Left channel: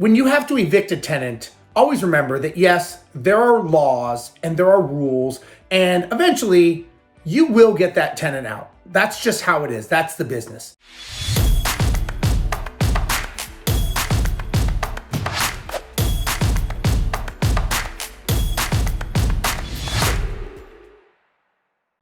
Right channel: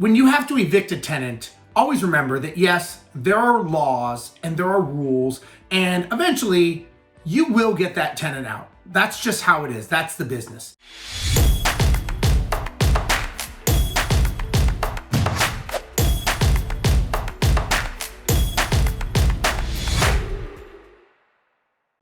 When you have to evict a tenant, always remember that yes, there are laws and there are rules, and eventually you will get that tenant out. That's just how it is. That's the business.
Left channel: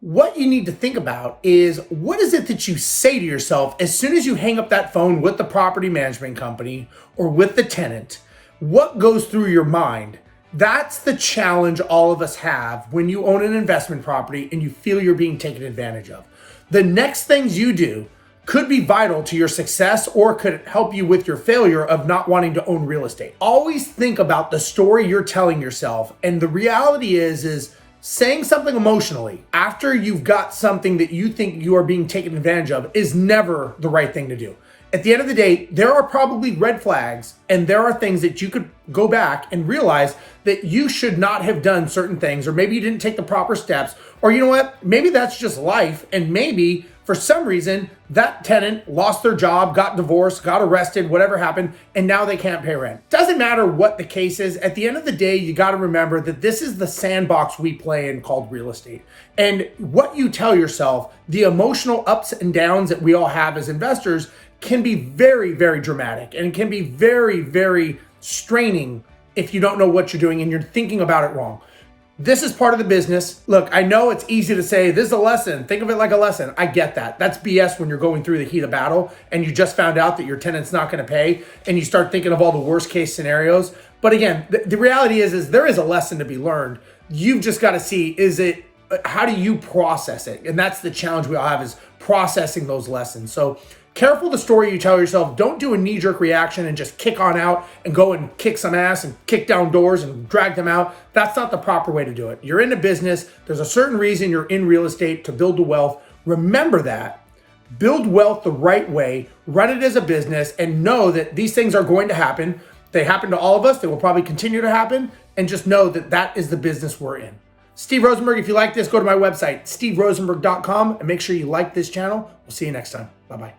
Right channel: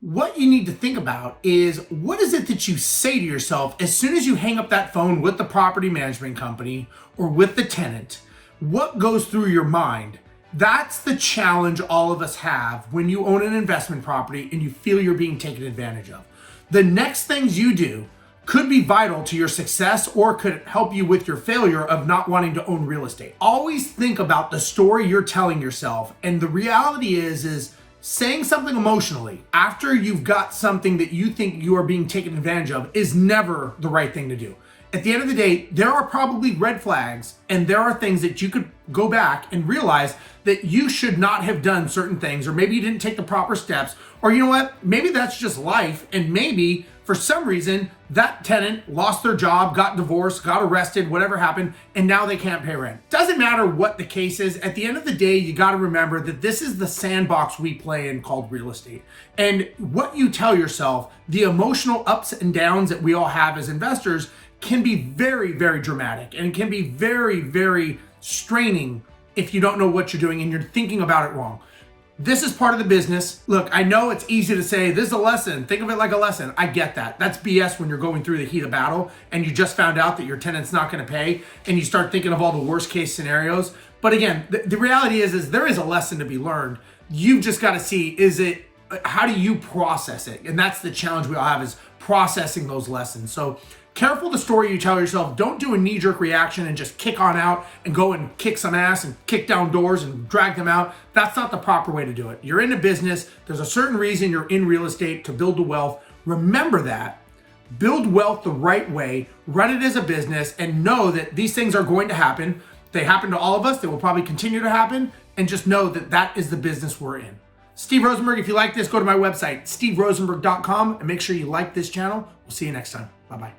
What you need to think about is, what is it that you say to yourself as soon as you hang up that phone with the property management company or with the tenant? What goes through your mind? That's the challenge all of us have when you own an investment property and you feel you're being taken advantage of. The next things you do could be vital to your success or could help you with your failure of not wanting to own real estate. Always think about the story you're telling yourself. And the reality is saying something emotionally after you've got something that you think you are being taken advantage of is never the right thing to do. At the end of the day, there are probably red flags and there are things that you could go back and realize that you should not have done certain things, or maybe you didn't take the proper steps, or you know what, maybe that's just life, and maybe for some reason that tenant lost their job, got divorced, got arrested, whatever happened, and now they can't pay rent. Doesn't matter what the case is, at the end of the day, you got to remember that this is the sandbox we play in called real estate. And what you tell yourself, the emotional ups and downs that we all have as investors, can be very, very dramatic and can be very, very straining if you don't know what you're doing and you're thinking about it wrong. This is part of the business. Look, I know it's easy to say, this is a lesson. Think of it like a lesson. I get that. That's BS when you're going through the heat of battle and you just found out that your tenant's not going to pay and you start thinking of all the worst case scenarios. But again, the reality is there is a lesson to be learned. You've just got to see, how do you process it? And that's the challenge we all have, is processing those lessons. So careful the story you tell yourself. Don't do a knee-jerk reaction and just kick on out and go and kick some ass and kick down doors and drag them out. That's not the proper way to do it. You're in a business. There's a certain reason you're in real estate, to build the wealth. Remember that. Build wealth the right way. Run it as a business and know that these things are going to happen. They happen to all of us. They will probably continue to happen. And just know that that is the business we're in. Steve Rozenberg, if you like this, go to my website, steverozenberg.com, and make sure you like this channel. We'll see you next time. Bye-bye.